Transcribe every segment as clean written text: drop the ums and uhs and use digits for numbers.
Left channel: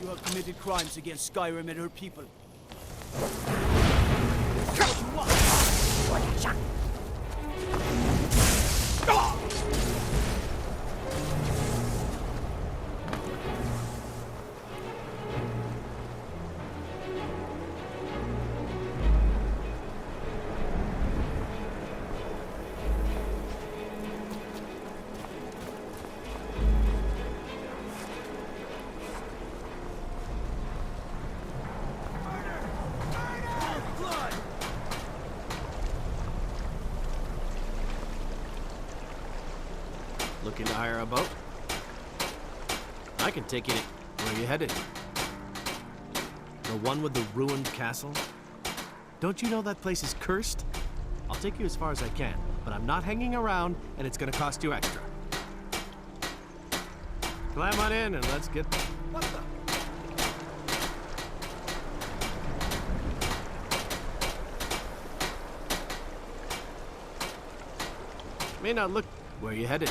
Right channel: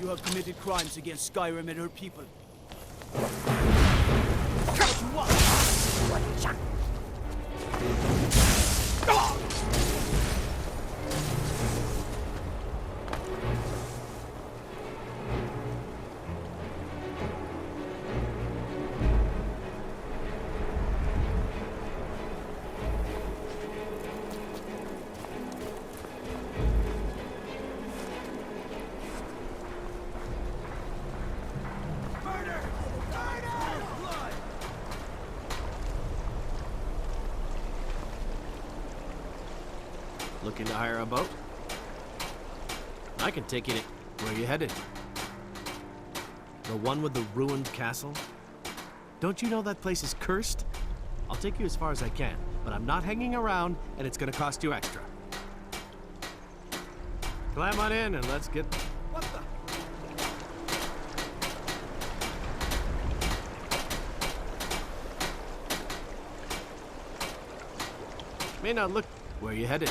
You have committed crimes against Skyrim and her people. Looking to hire a boat? I can take you to where you headed. The one with the ruined castle? Don't you know that place is cursed? I'll take you as far as I can, but I'm not hanging around, and it's gonna cost you extra. Climb on in and let's get... What the? May not look where you headed.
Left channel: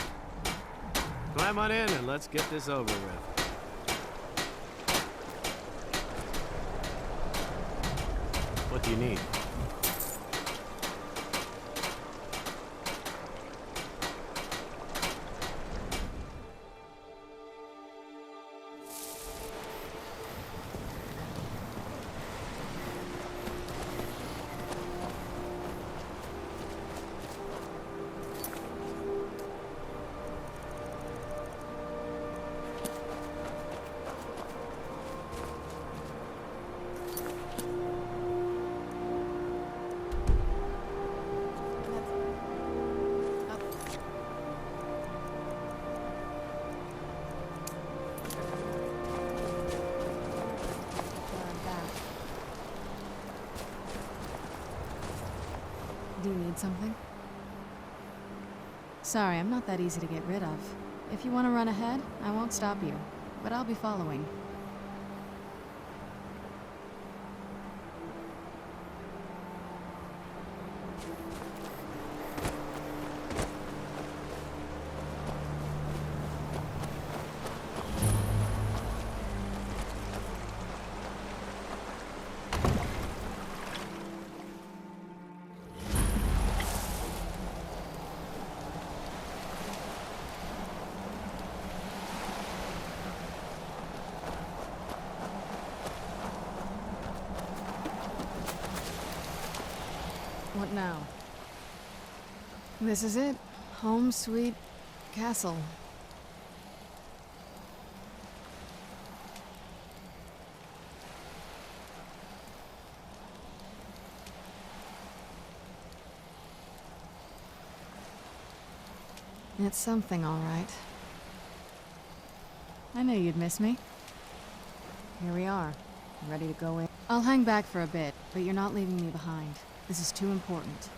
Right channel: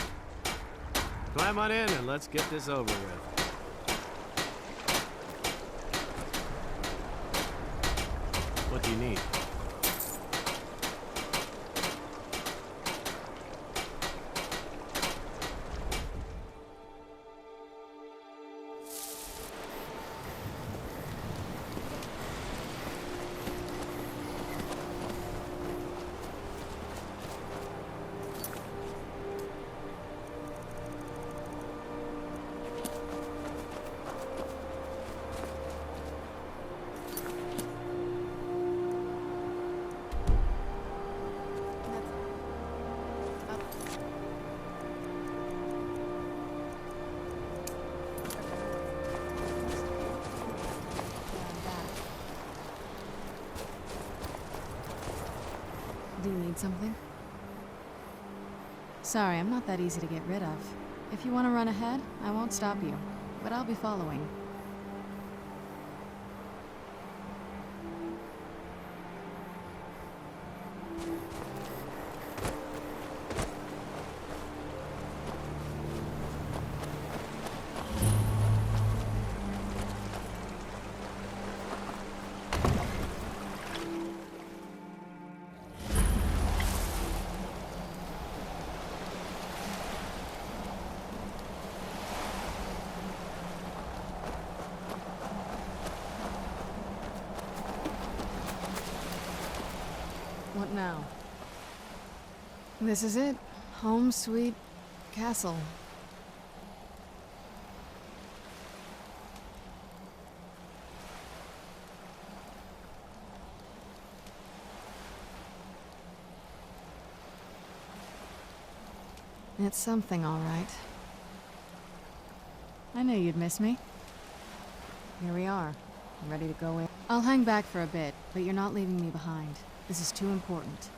Climb on in and let's get this over with. What do you need? Do you need something? Sorry, I'm not that easy to get rid of. If you want to run ahead, I won't stop you, but I'll be following. What now? This is it. Home sweet castle. It's something, all right. I knew you'd miss me. Here we are, ready to go in. I'll hang back for a bit, but you're not leaving me behind. This is too important.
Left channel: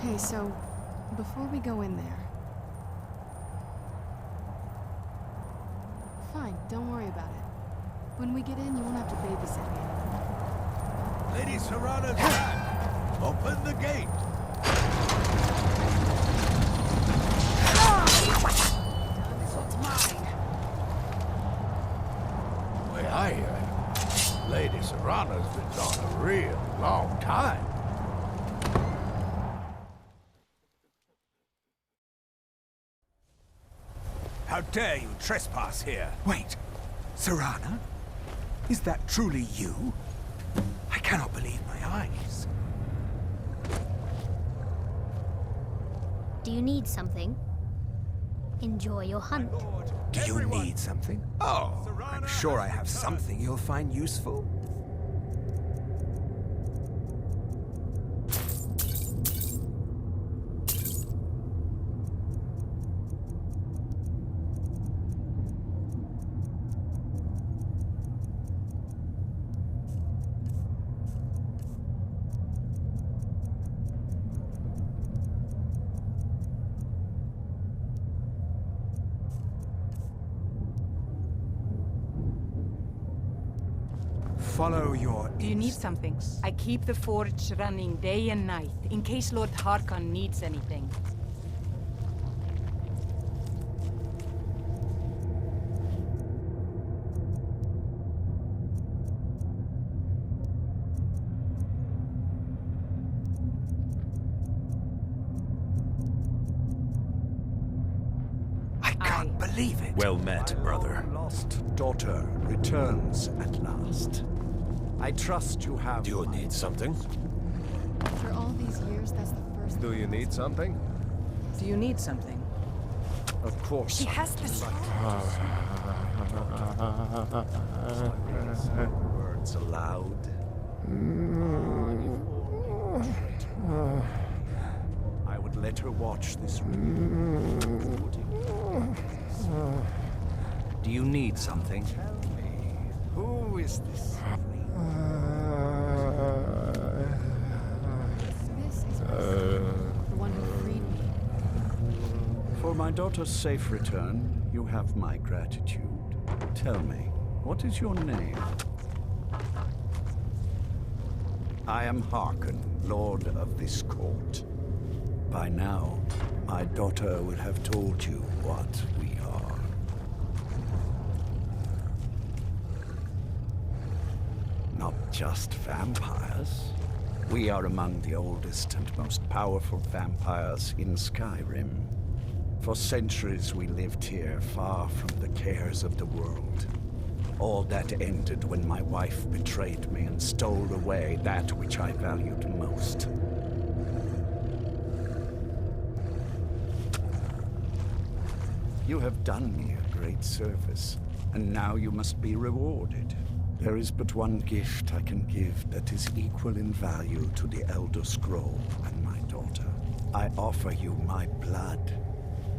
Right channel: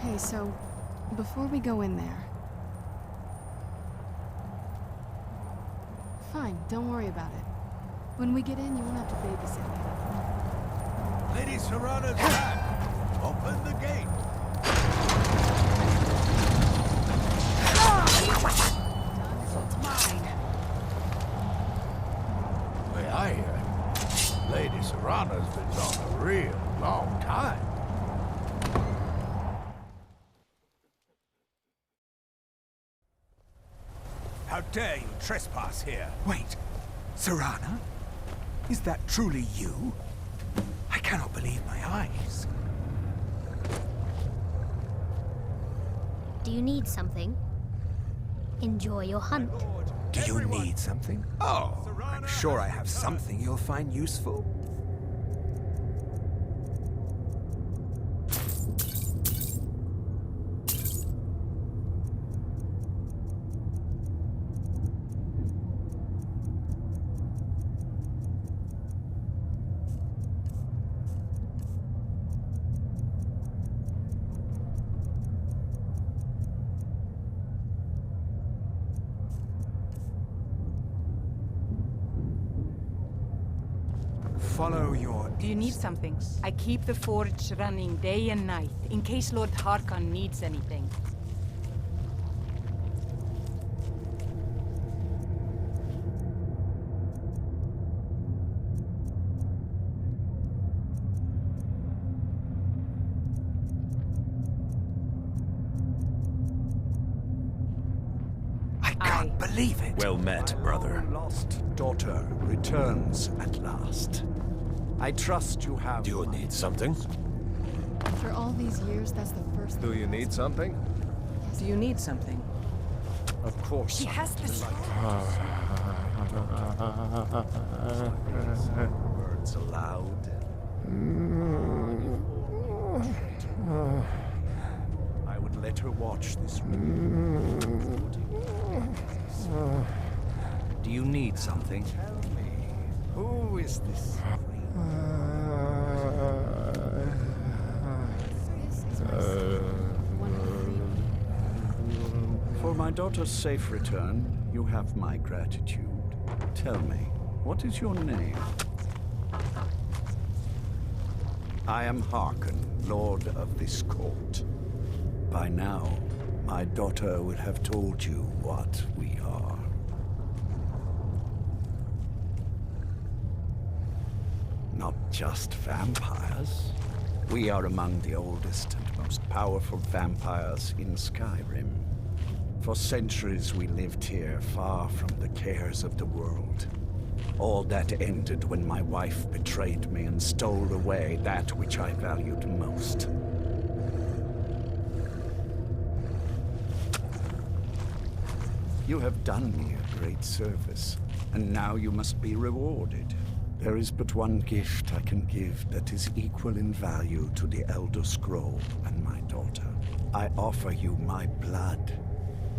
Hey, so, before we go in there... Fine, don't worry about it. When we get in, you won't have to babysit me anymore. Lady Serrana's back! Open the gate! This one's mine. The way I hear it, Lady Serrana's been gone a real long time. How dare you trespass here? Wait, Serrana? Is that truly you? I cannot believe my eyes. Do you need something? Enjoy your hunt. Do you need something? Oh, I'm sure I have something you'll find useful. Follow your Do you need something? I keep the forge running day and night, in case Lord Harkon needs anything. I can't believe it. Well met, brother. Lost daughter returns at last. I trust you have. Do you need something? After all these years, that's the first. Do you need something? Do you need something? Of course. She has this. Words aloud. I would let her watch this. Do you need something? Tell me, who is this? This is my son, the one who freed me. For my daughter's safe return, you have my gratitude. Tell me, what is your name? I am Harkon, Lord of this court. By now, my daughter will have told you what we are. Not just vampires. We are among the oldest and most powerful vampires in Skyrim. For centuries we lived here, far from the cares of the world. All that ended when my wife betrayed me and stole away that which I valued most. You have done me a great service, and now you must be rewarded. There is but one gift I can give that is equal in value to the Elder Scroll and my daughter. I offer you my blood.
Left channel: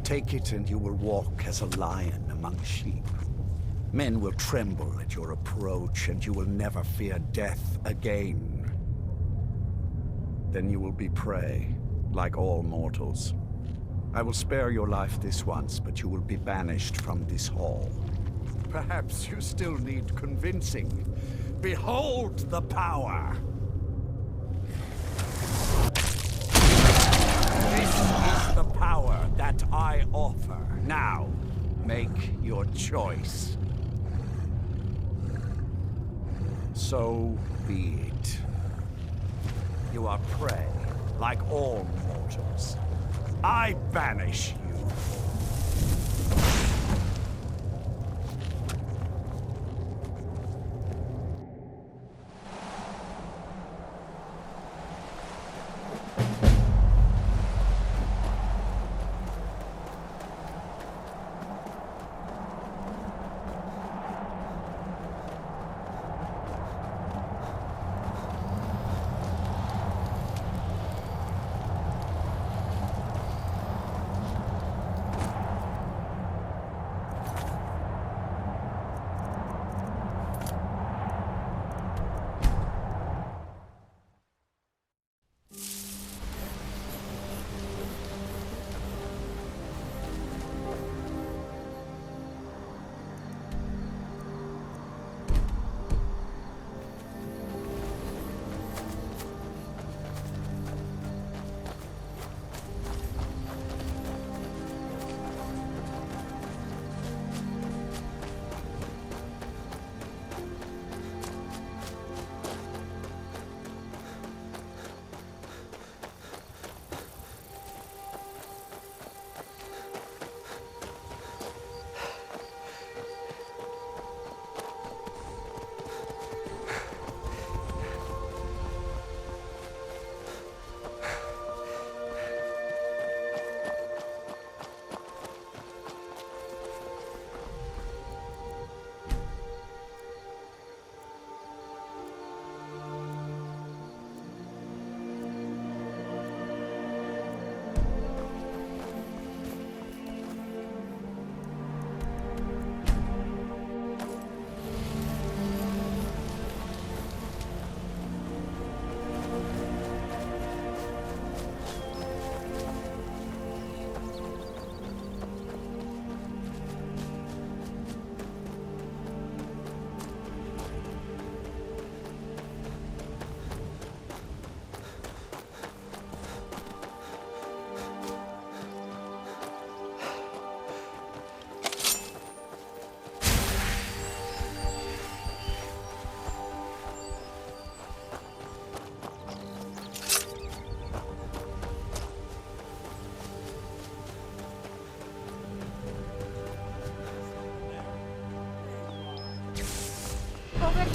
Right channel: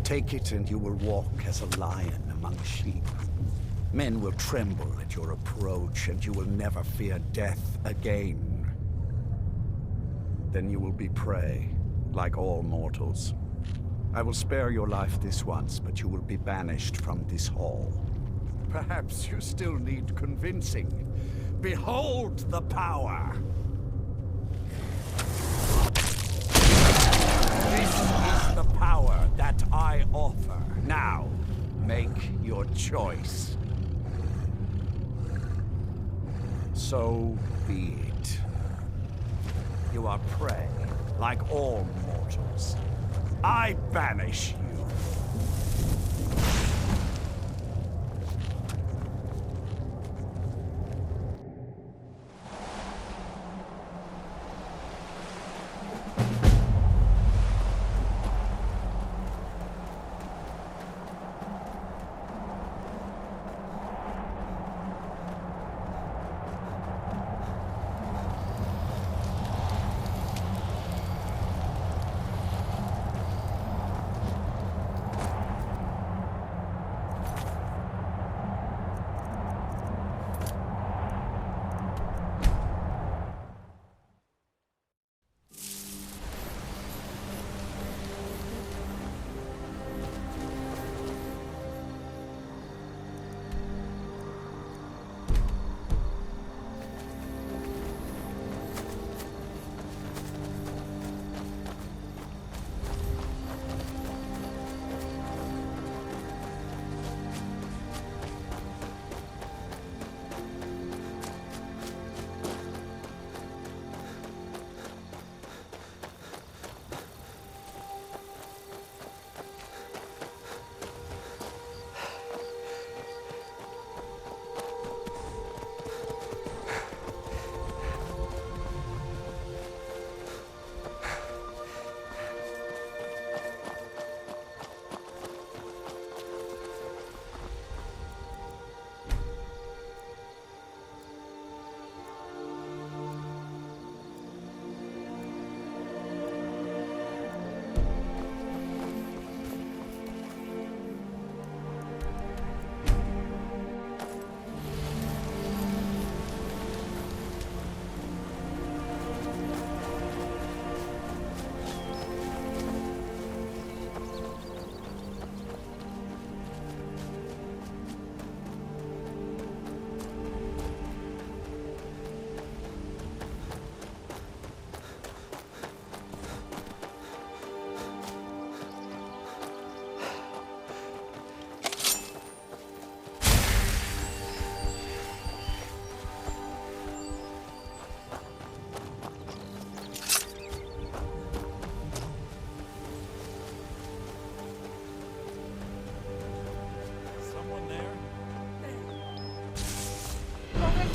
Take it and you will walk as a lion among sheep. Men will tremble at your approach, and you will never fear death again. Then you will be prey, like all mortals. I will spare your life this once, but you will be banished from this hall. Perhaps you still need convincing. Behold the power! This is the power that I offer. Now, make your choice. So be it. You are prey, like all mortals. I banish you.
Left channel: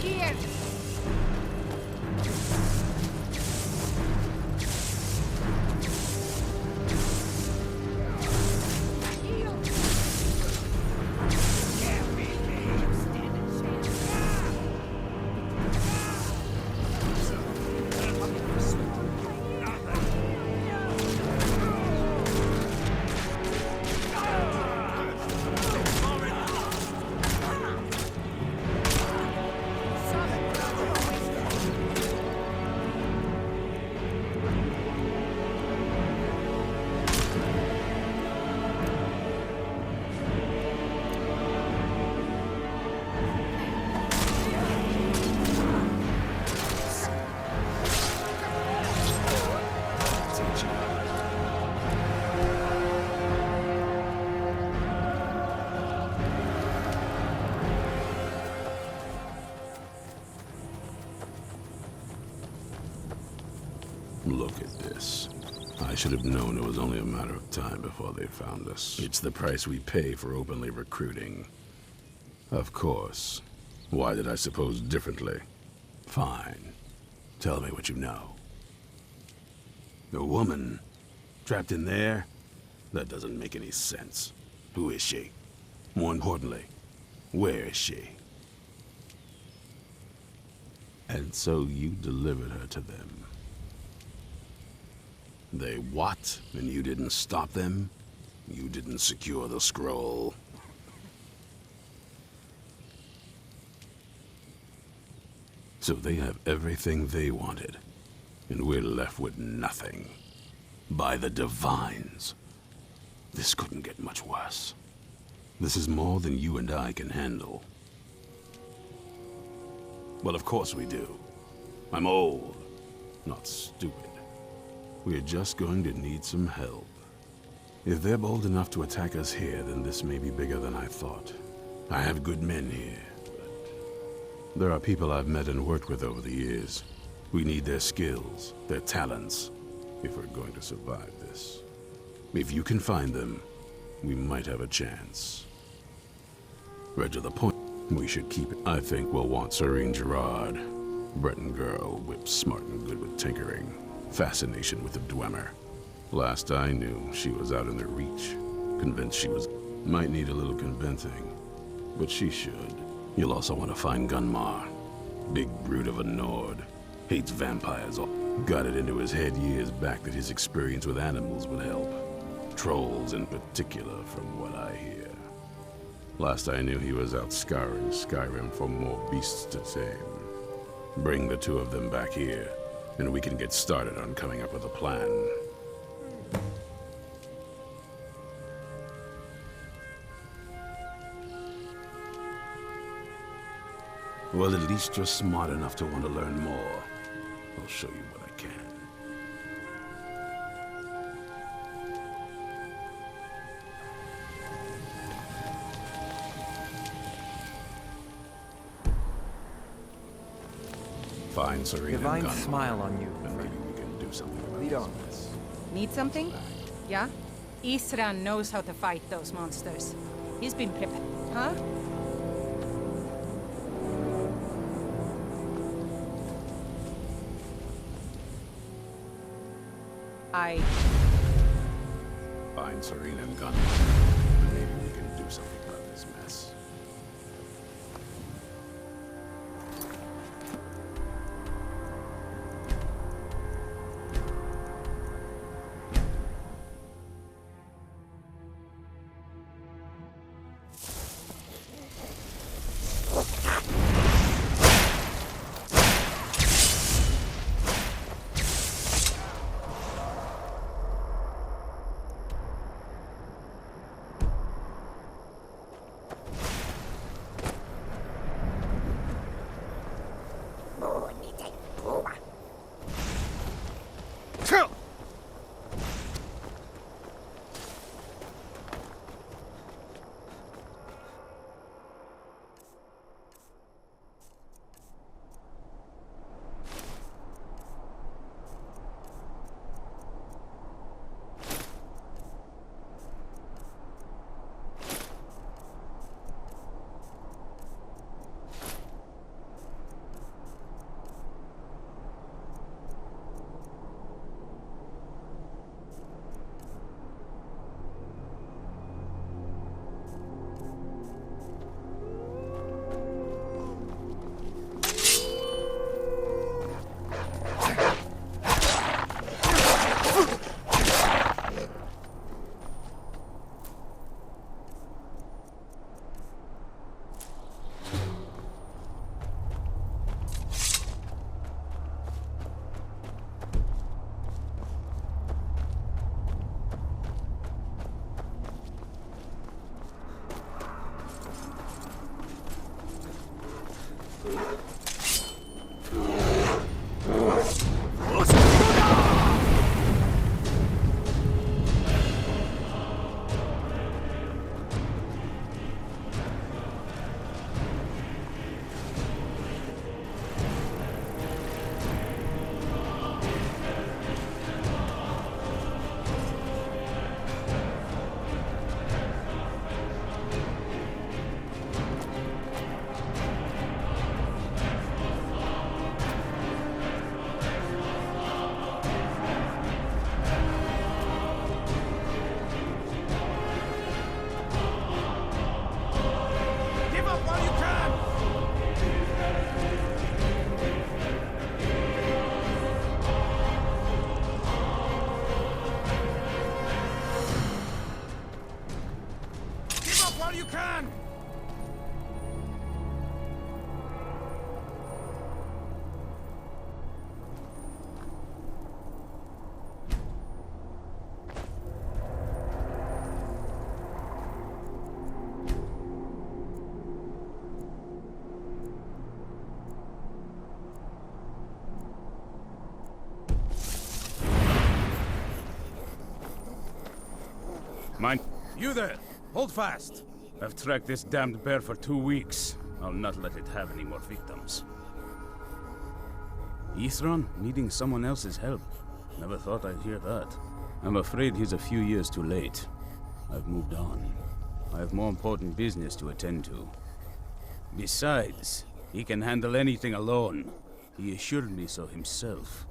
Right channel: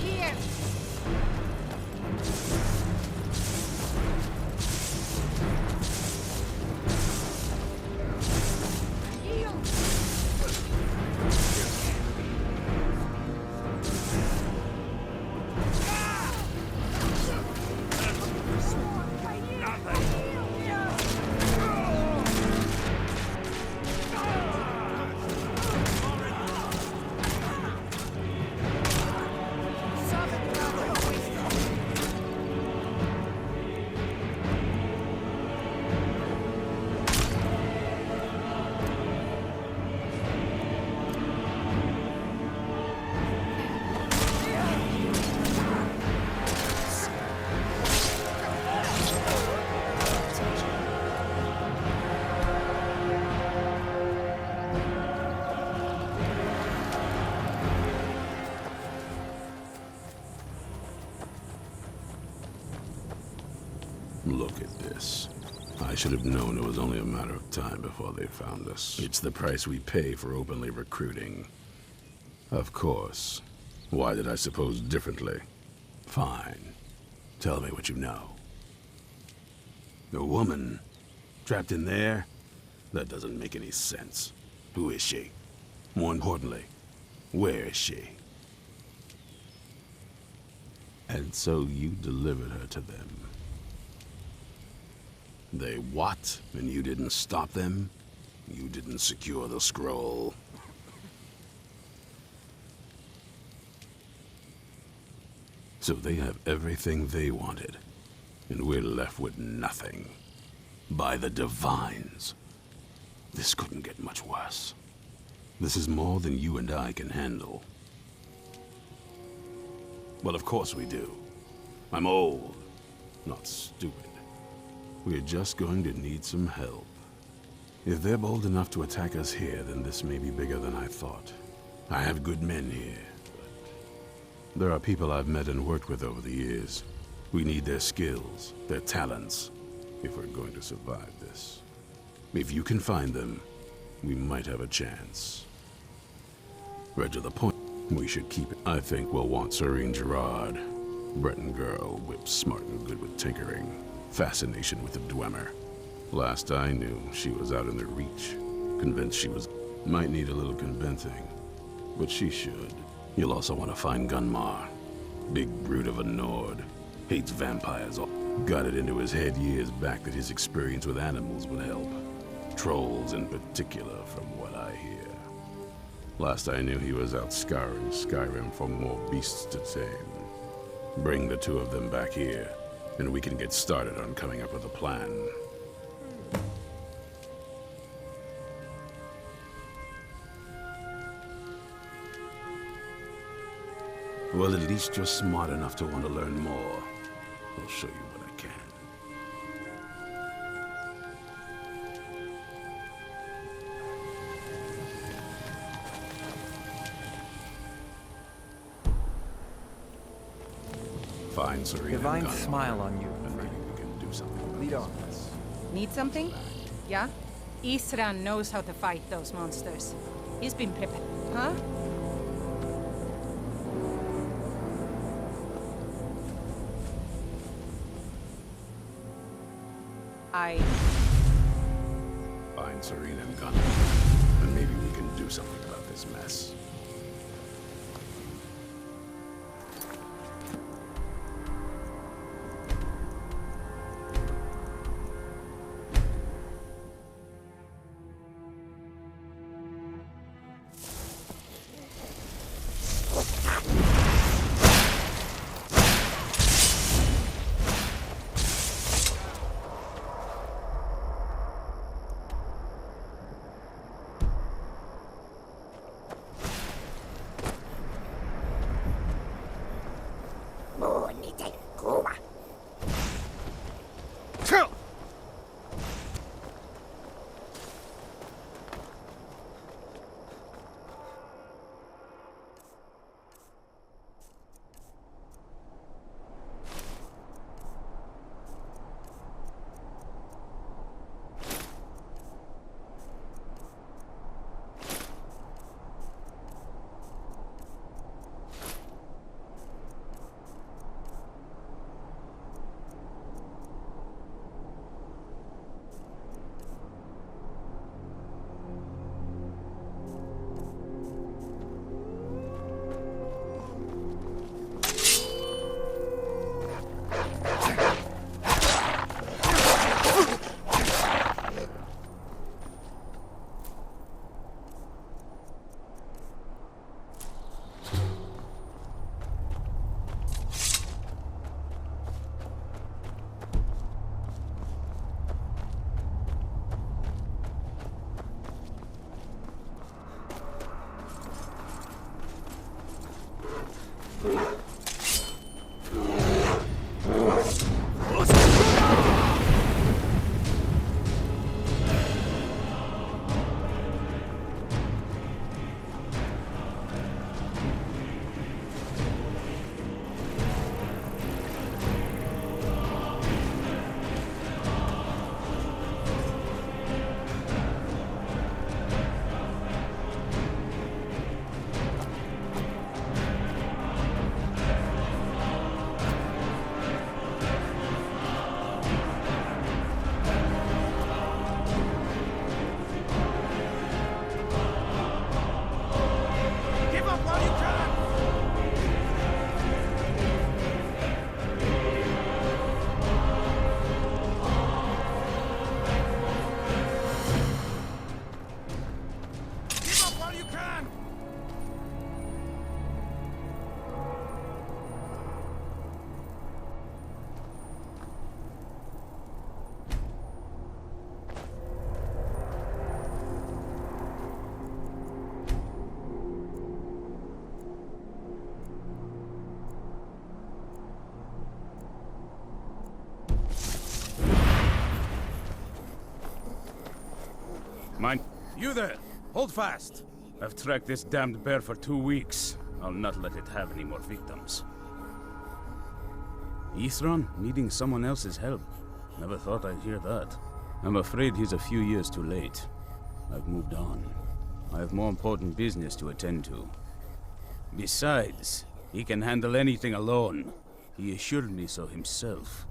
Here! Look at this. I should have known it was only a matter of time before they found us. It's the price we pay for openly recruiting. Of course. Why did I suppose differently? Fine. Tell me what you know. A woman? Trapped in there? That doesn't make any sense. Who is she? More importantly, where is she? And so you delivered her to them. They what? And you didn't stop them? You didn't secure the scroll? So they have everything they wanted, and we're left with nothing. By the Divines. This couldn't get much worse. This is more than you and I can handle. Well, of course we do. I'm old, not stupid. We're just going to need some help. If they're bold enough to attack us here, then this may be bigger than I thought. I have good men here, but there are people I've met and worked with over the years. We need their skills, their talents, if we're going to survive this. If you can find them, we might have a chance. Right to the point, we should keep it. I think we'll want Serene Gerard. Breton girl, whip smart and good with tinkering. Fascination with the Dwemer. Last I knew, she was out in the Reach. Convinced she was... Might need a little convincing, but she should. You'll also want to find Gunmar. Big brute of a Nord. Hates vampires. Got it into his head years back that his experience with animals would help. Trolls in particular, from what I hear. Last I knew, he was out scouring Skyrim for more beasts to tame. Bring the two of them back here, and we can get started on coming up with a plan. Well, at least you're smart enough to want to learn more. I'll show you what I can. Fine, Serena. Divine Gunmar. smile on you, And maybe friend. we can do something about Lead on. this. Need something? Yeah? Isran knows how to fight those monsters. He's been prepared. Huh? Find Serena and Gunmar, and maybe we can do something about this mess. can! Mine. You there! Hold fast! I've tracked this damned bear for 2 weeks. I'll not let it have any more victims. Ithran needing someone else's help. Never thought I'd hear that. I'm afraid he's a few years too late. I've moved on. I have more important business to attend to. Besides, he can handle anything alone. He assured me so himself.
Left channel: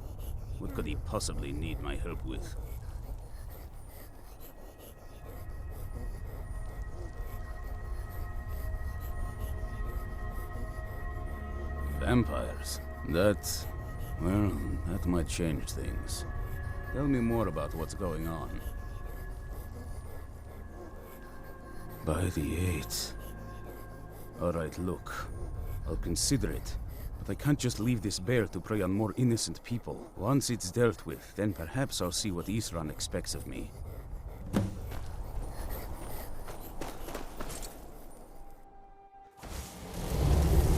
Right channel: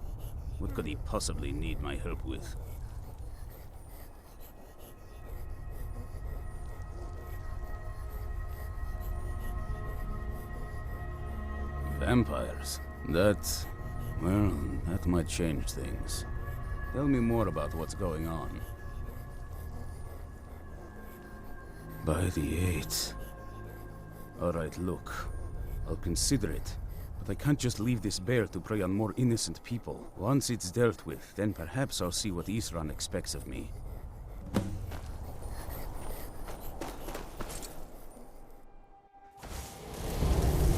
What could he possibly need my help with? Vampires? That might change things. Tell me more about what's going on. By the 8th. Alright, look. I'll consider it. But I can't just leave this bear to prey on more innocent people. Once it's dealt with, then perhaps I'll see what Ithran expects of me.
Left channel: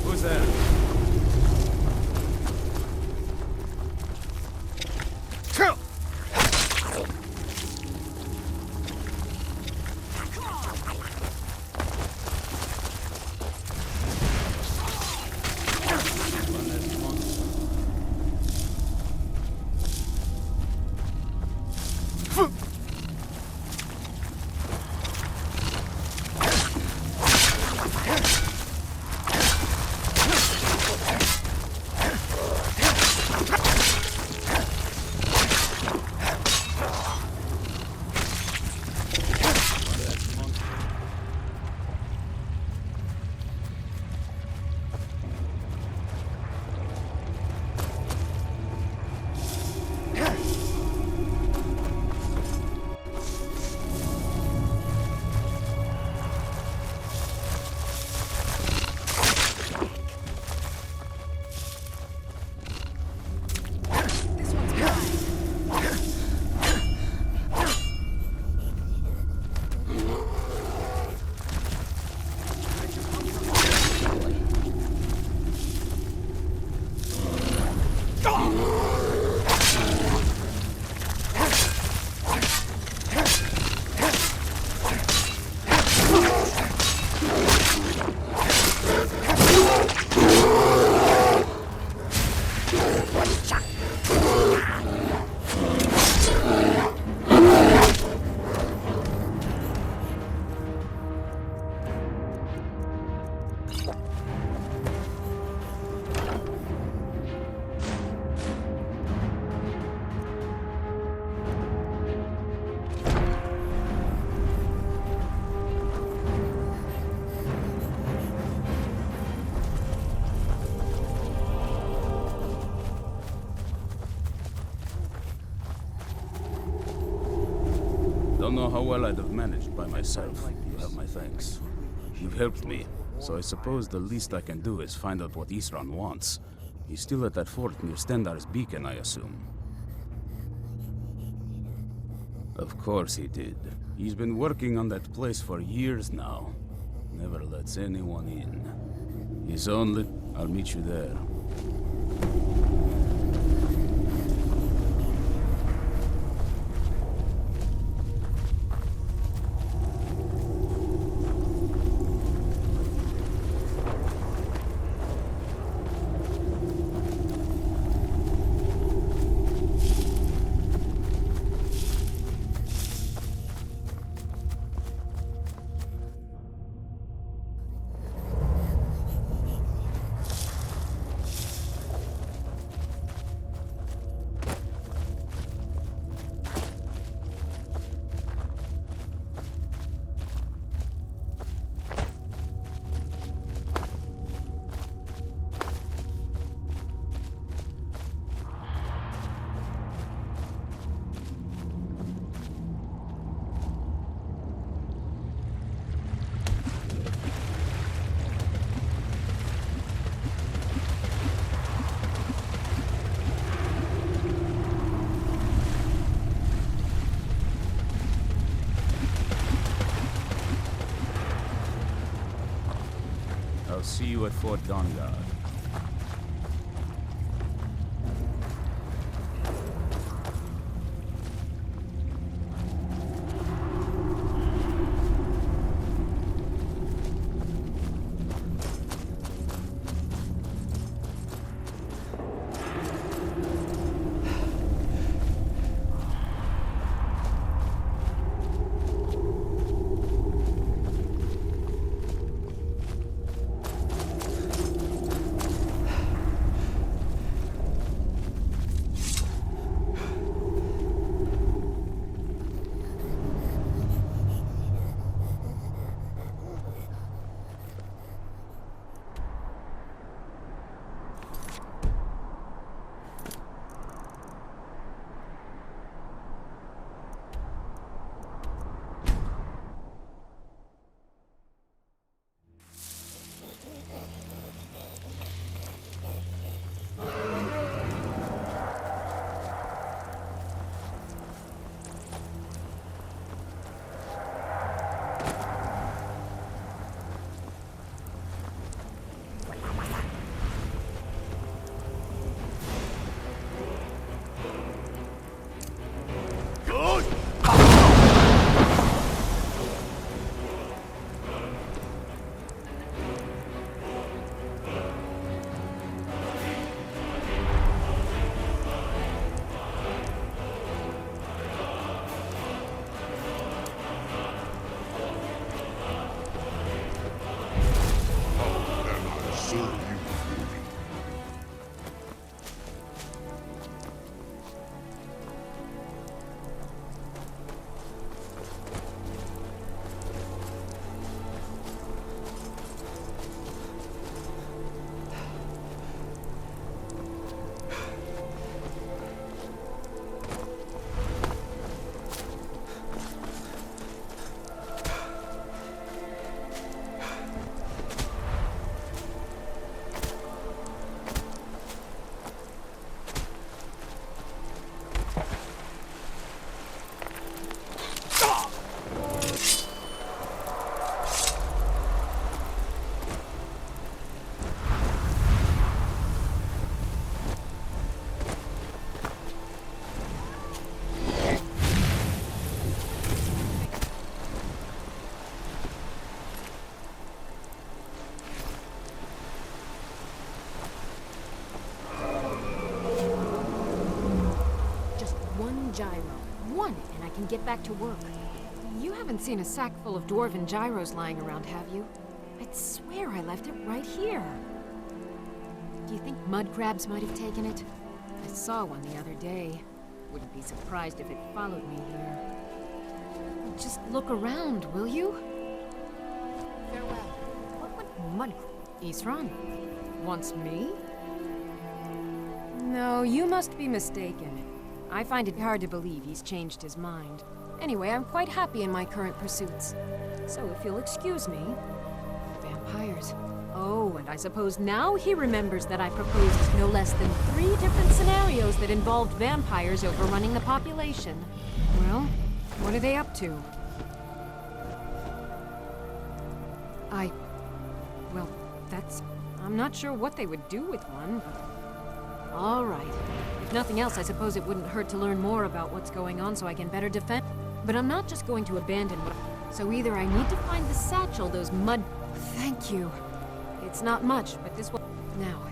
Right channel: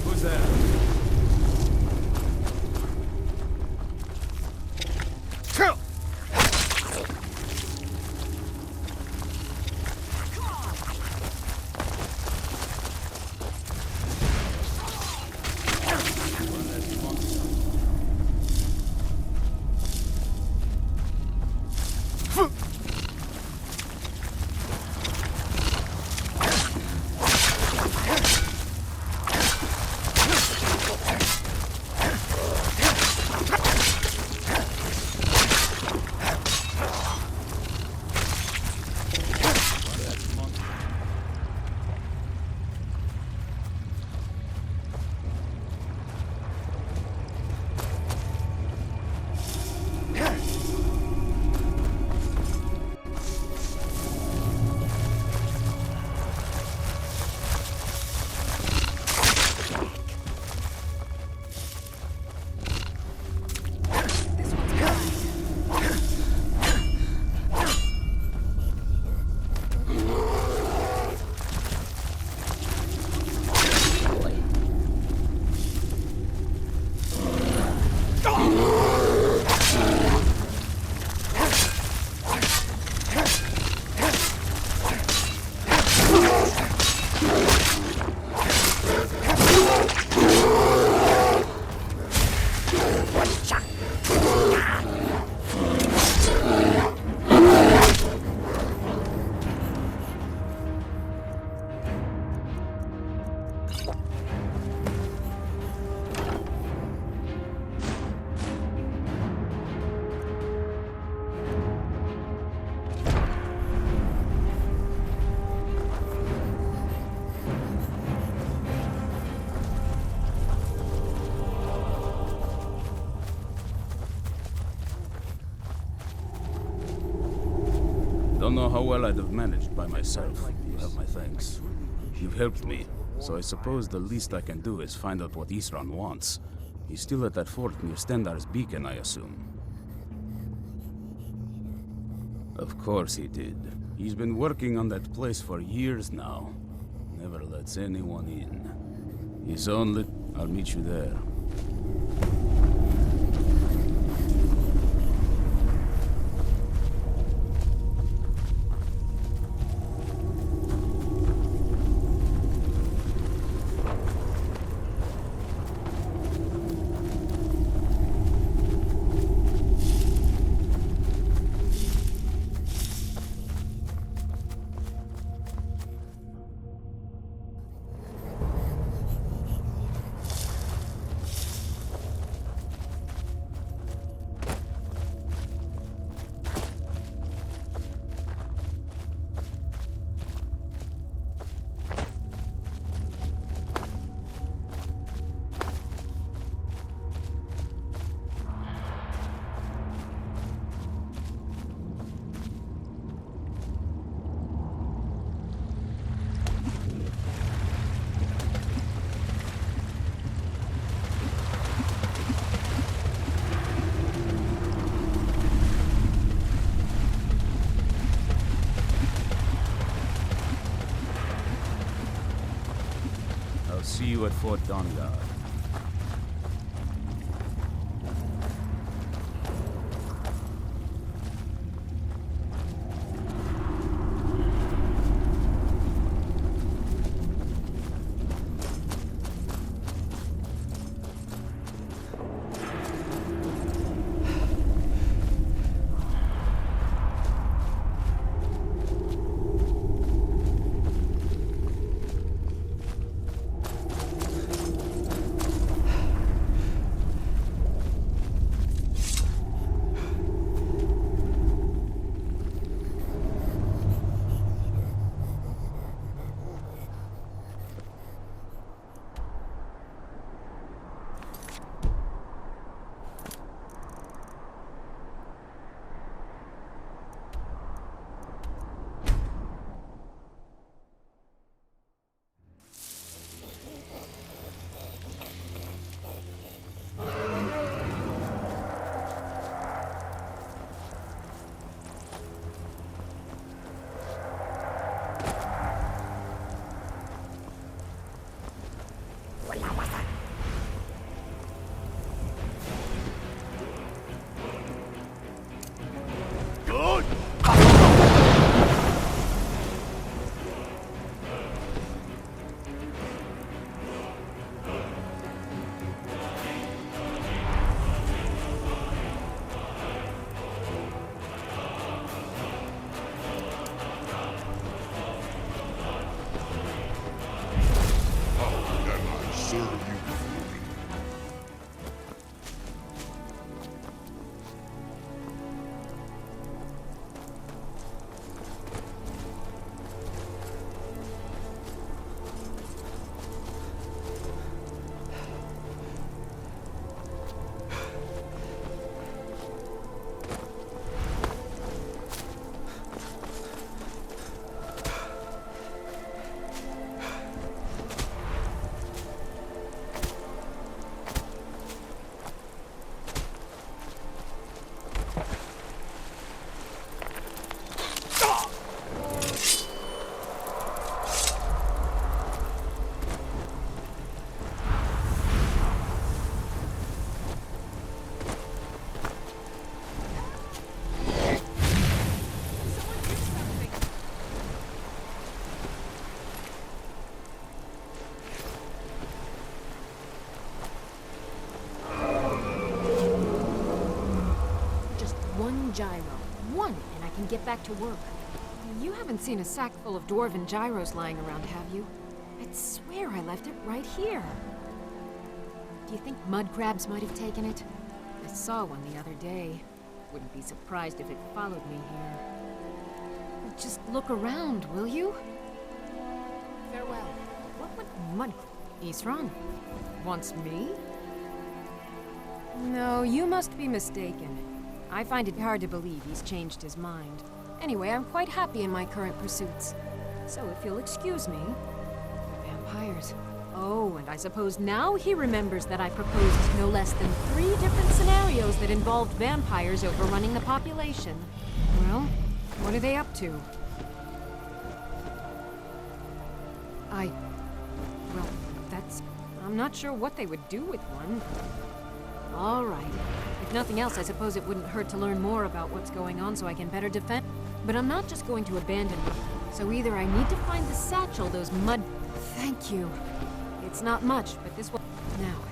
Who's there? Don't know how well I'd have managed by myself. You have my thanks. You've helped me, so I suppose the least I can do is find out what Ithran wants. He's still at that fort near Stendar's beacon, I assume. Of course he did. He's been working on that place for years now. Never lets anyone in. His only... I'll meet you there. see you at Fort Dawnguard. One gyro. One, and I can get back to work. You haven't seen a sack full of dwarven gyros lying around, have you? I'd swear I left it right here. Do you think mud crabs might have taken it? I saw one the other day. Wouldn't be surprised if it followed me here. Well, just look around, will you? Farewell. What would mud... Isran? Wants me? No, you must be mistaken. I find it hard to believe he's changed his mind. Anyway, I'm quite happy in my current pursuits. So if you'll excuse me... Vampires. Oh, and I suppose now he remembers that I proposed no less than 3 different scenarios that involved vampires overrunning the population. Well, what are they up to? Well, that's... I'm not sure what they would do with one, but... All right. If nothing else, I suppose it wouldn't hurt to learn more about what's going on so I can better defend. But I'm not just going to abandon what... So either I need to find the satchel those mud... Thank you. It's not much, but this will... Now,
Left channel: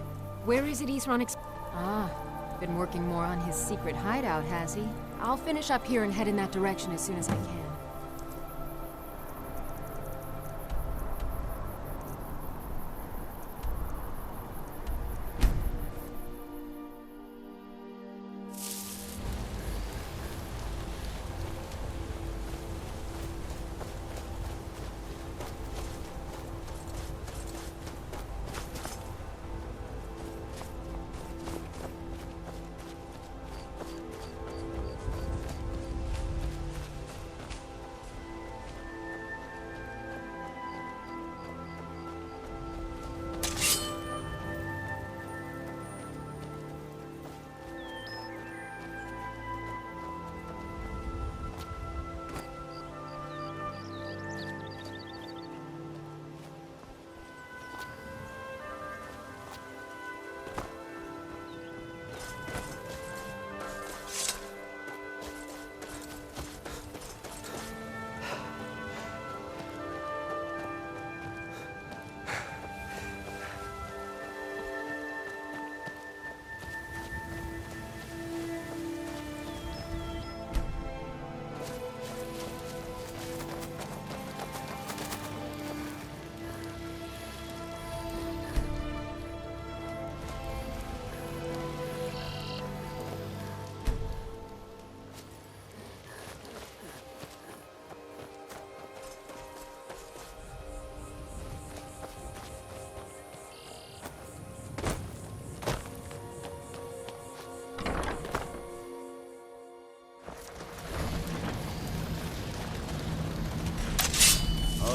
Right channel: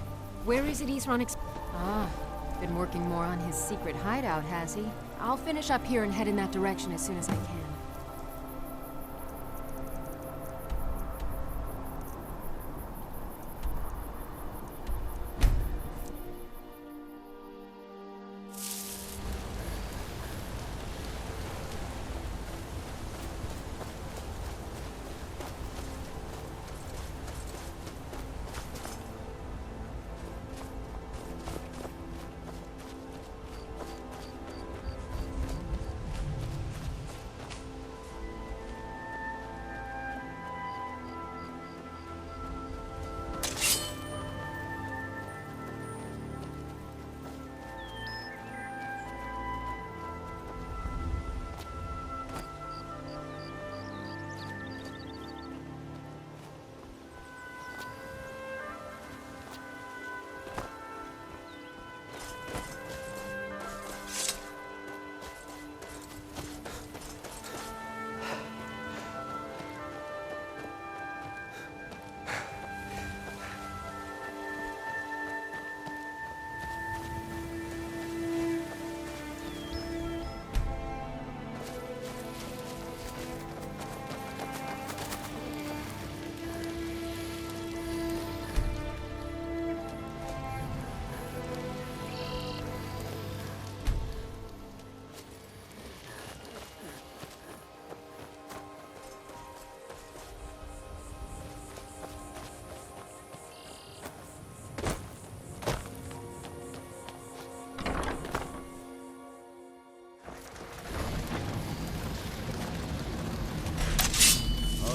where is it Isran been working more on his secret hideout, has he? I'll finish up here and head in that direction as soon as I can.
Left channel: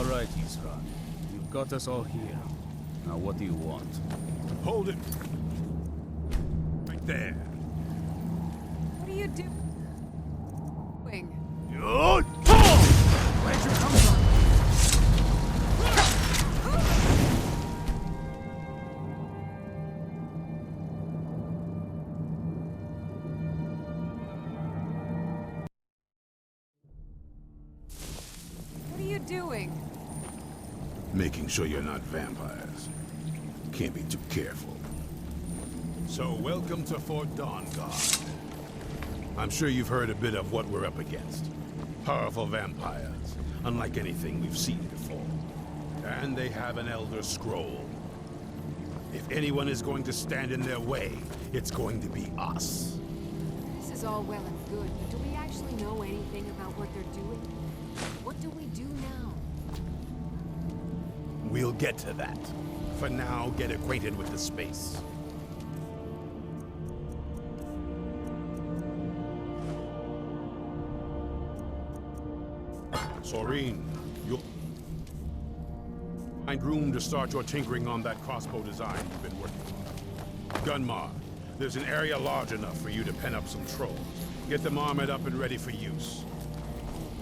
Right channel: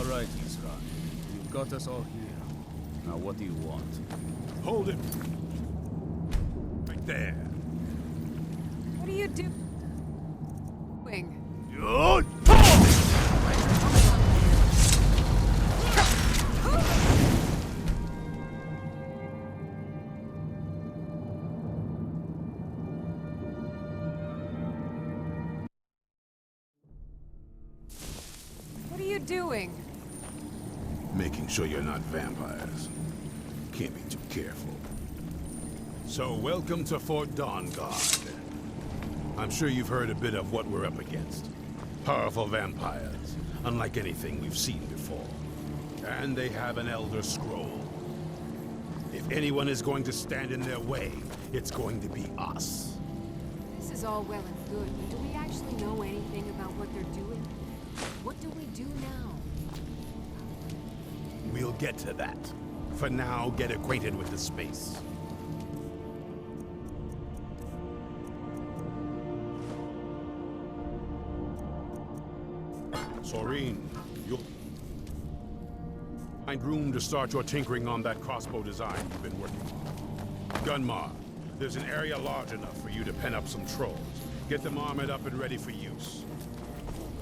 All right, Isran. You've got us all here. Now, what do you want? Hold it! Right there. What are you doing? What are you doing? Making sure you're not vampires. Can't be too careful. So, welcome to Fort Dawnguard. I'm sure you've heard a bit of what we're up against. Powerful vampires, unlike anything we've seen before. And they have an Elder Scroll. If anyone is going to stand in their way, it's going to be us. This is all well and good, but do we actually know anything about what they're doing? What do we do now? We'll get to that. For now, get acquainted with the space. Soreen, you'll find room to start your tinkering on that crossbow design you've been working on. Gunmar, there's an area large enough for you to pen up some trolls. Get them armored up and ready for use.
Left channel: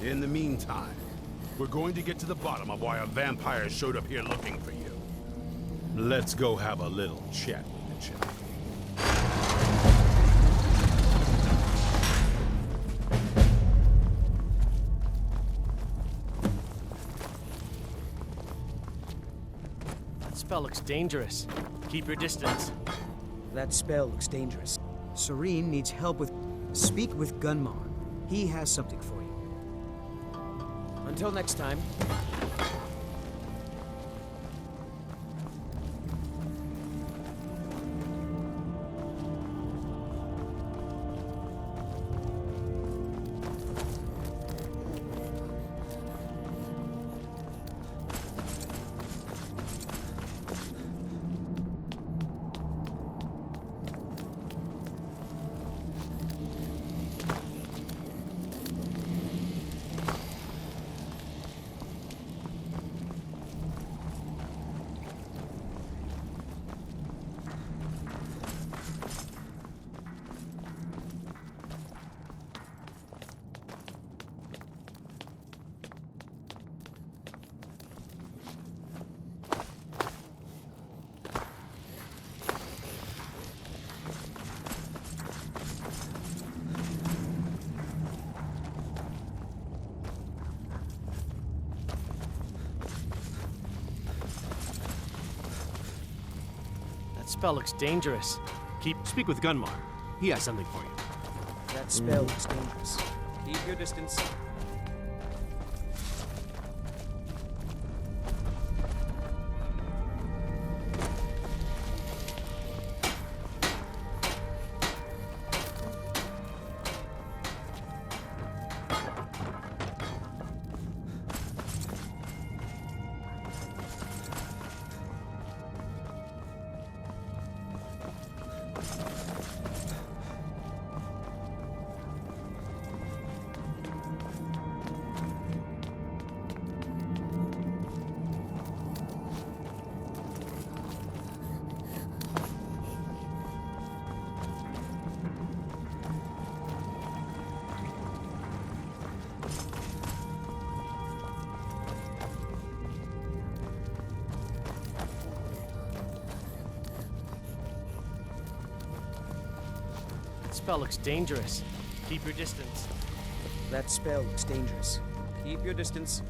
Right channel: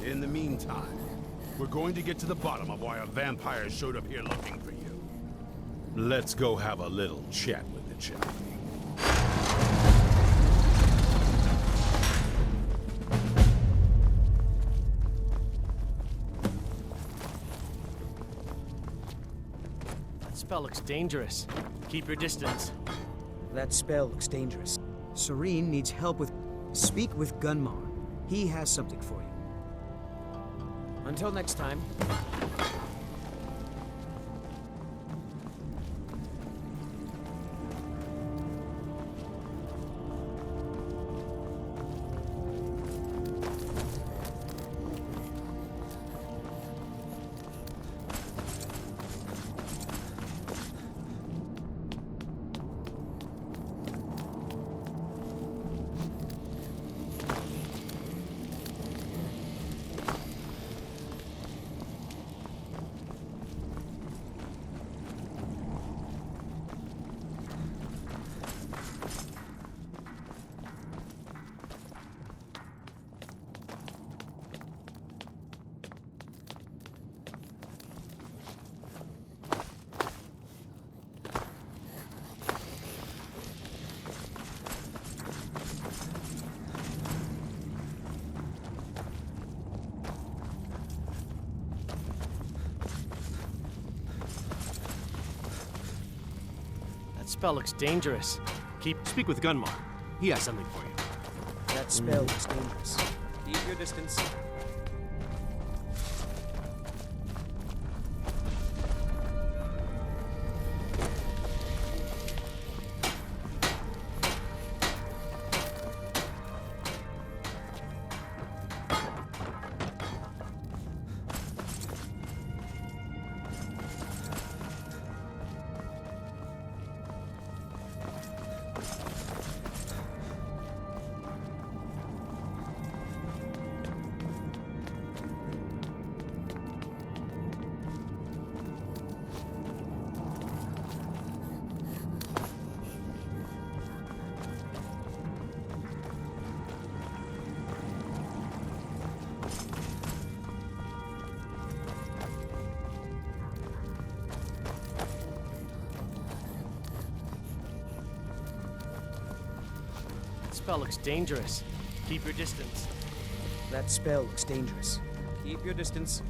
In the meantime, we're going to get to the bottom of why a vampire showed up here looking for you. Let's go have a little chat with it, shall we? That spell looks dangerous. Keep your distance. That spell looks dangerous. Serene needs help with... Speak with Gunmar. He has something for you. Until next time. That spell looks dangerous. Speak with Gunmar. He has something for you. That spell looks dangerous. Keep your distance. That spell looks dangerous. Keep your distance. That spell looks dangerous. Keep your distance.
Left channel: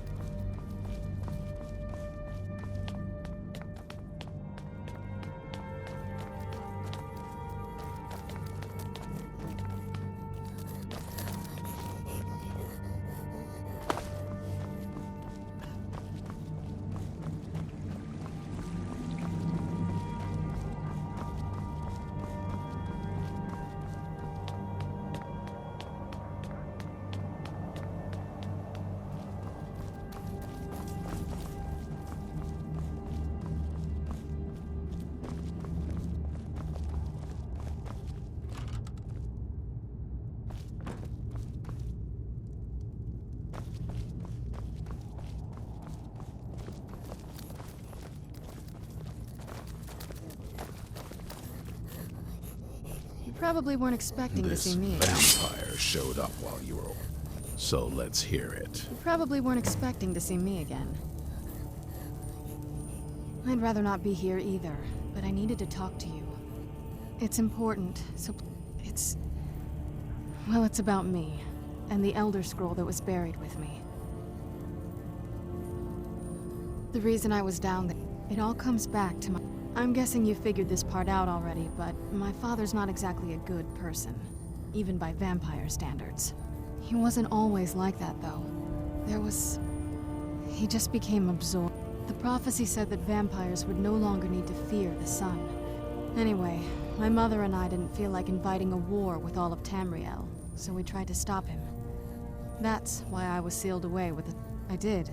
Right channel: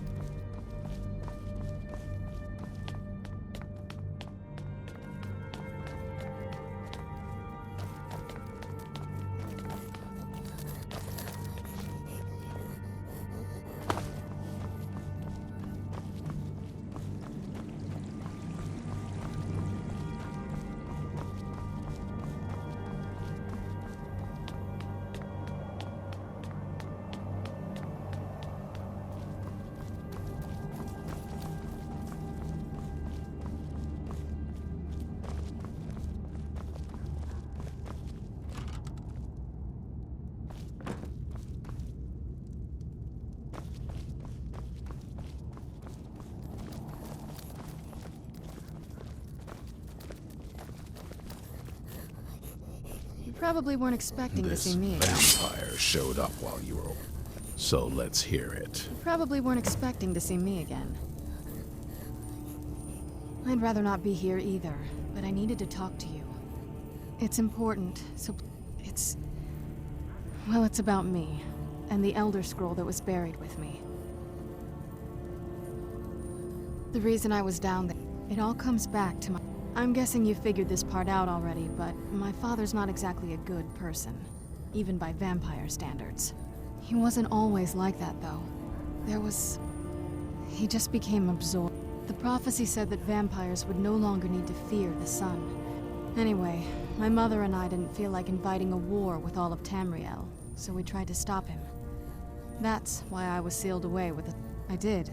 probably weren't expecting to see me again. Vampire showed up while you were... So let's hear it. You probably weren't expecting to see me again. I'd rather not be here either, but I needed to talk to you. It's important, so it's... Well, it's about me, and the Elder Scroll that was buried with me. The reason I was down there, it all comes back to my... I'm guessing you figured this part out already, but my father's not exactly a good person, even by vampire standards. He wasn't always like that, though. He just became absorbed. The prophecy said that vampires would no longer need to fear the sun. Anyway, my mother and I didn't feel like inviting a war with all of Tamriel, so we tried to stop him. That's why I was sealed away with the... I did.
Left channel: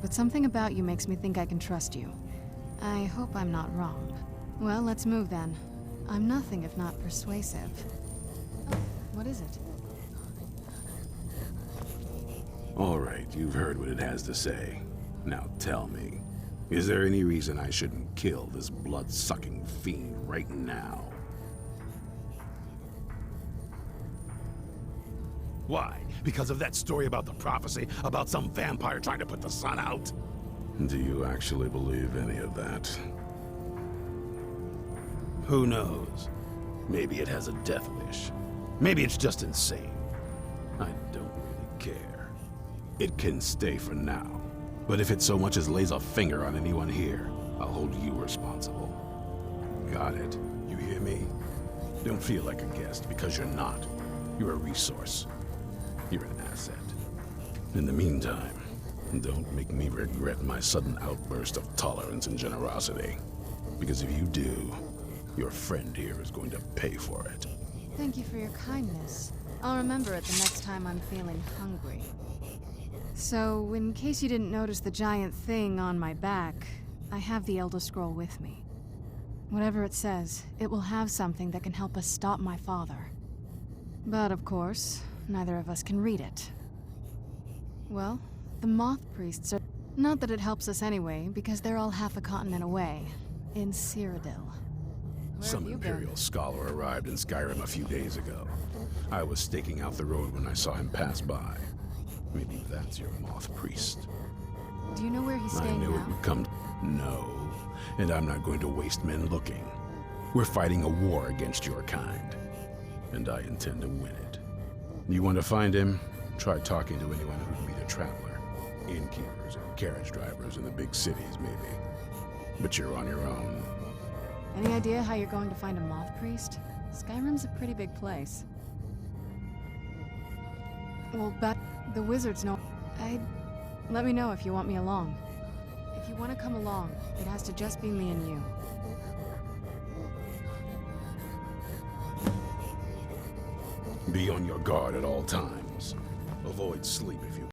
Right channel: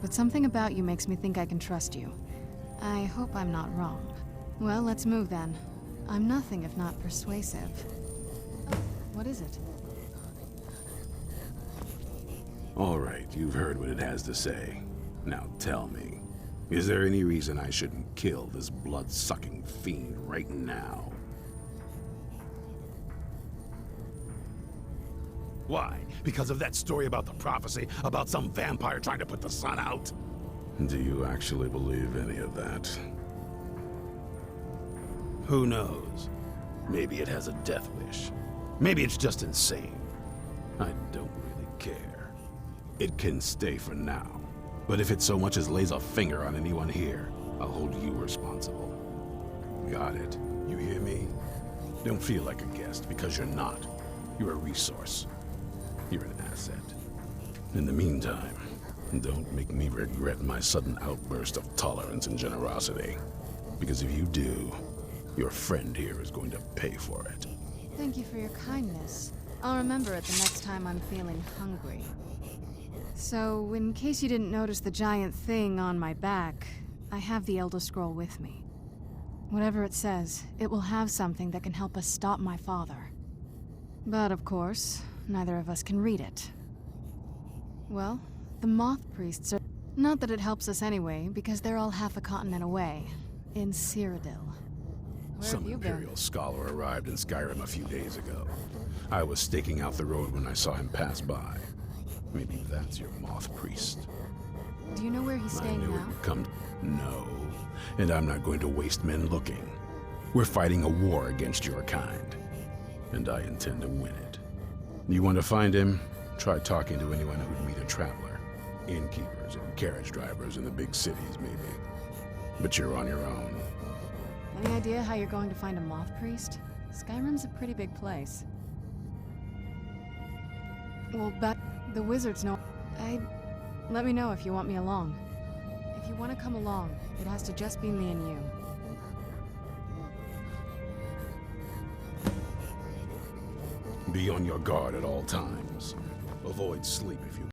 But something about you makes me think I can trust you. I hope I'm not wrong. Well, let's move then. I'm nothing if not persuasive. What is it? All right, you've heard what it has to say. Now tell me, is there any reason I shouldn't kill this blood-sucking fiend right now? Why? Because of that story about the prophecy, about some vampire trying to put the sun out? Do you actually believe any of that? Who knows? Maybe it has a death wish. Maybe it's just insane. I don't really care. It can stay for now. But if it so much as lays a finger on anyone here, I'll hold you responsible. Got it? You hear me? Don't feel like a guest, because you're not. You're a resource. You're an asset. In the meantime, don't make me regret my sudden outburst of tolerance and generosity. Because if you do, your friend here is going to pay for it. Thank you for your kindness. I'll remember it the next time I'm feeling hungry. So, in case you didn't notice the giant thing on my back, I have the Elder Scroll with me. Whatever it says, it will have something that can help us stop my father. But of course, neither of us can read it. Well, the Moth Priests are... Not that it helps us anyway, because they're all half a continent away, in Cyrodiil. Some Imperial scholar arrived in Skyrim a few days ago. I was staking out the road when I saw him pass by. Maybe that's your Moth Priest. Do you know where he's staying I knew now? it would come... No. And I'm not going to waste men looking. We're fighting a war against your kind. And I intend to win it. You want to find him? Try talking to anyone who'd meet a traveler. Innkeepers and carriage drivers in the big cities, maybe. But you're on your own. Any idea how you're going to find a Moth Priest? Skyrim's a pretty big place. Well, but the wizards know... Let me know if you want me along. If you want to come along, it has to just be me and you. Be on your guard at all times. Avoid sleep if you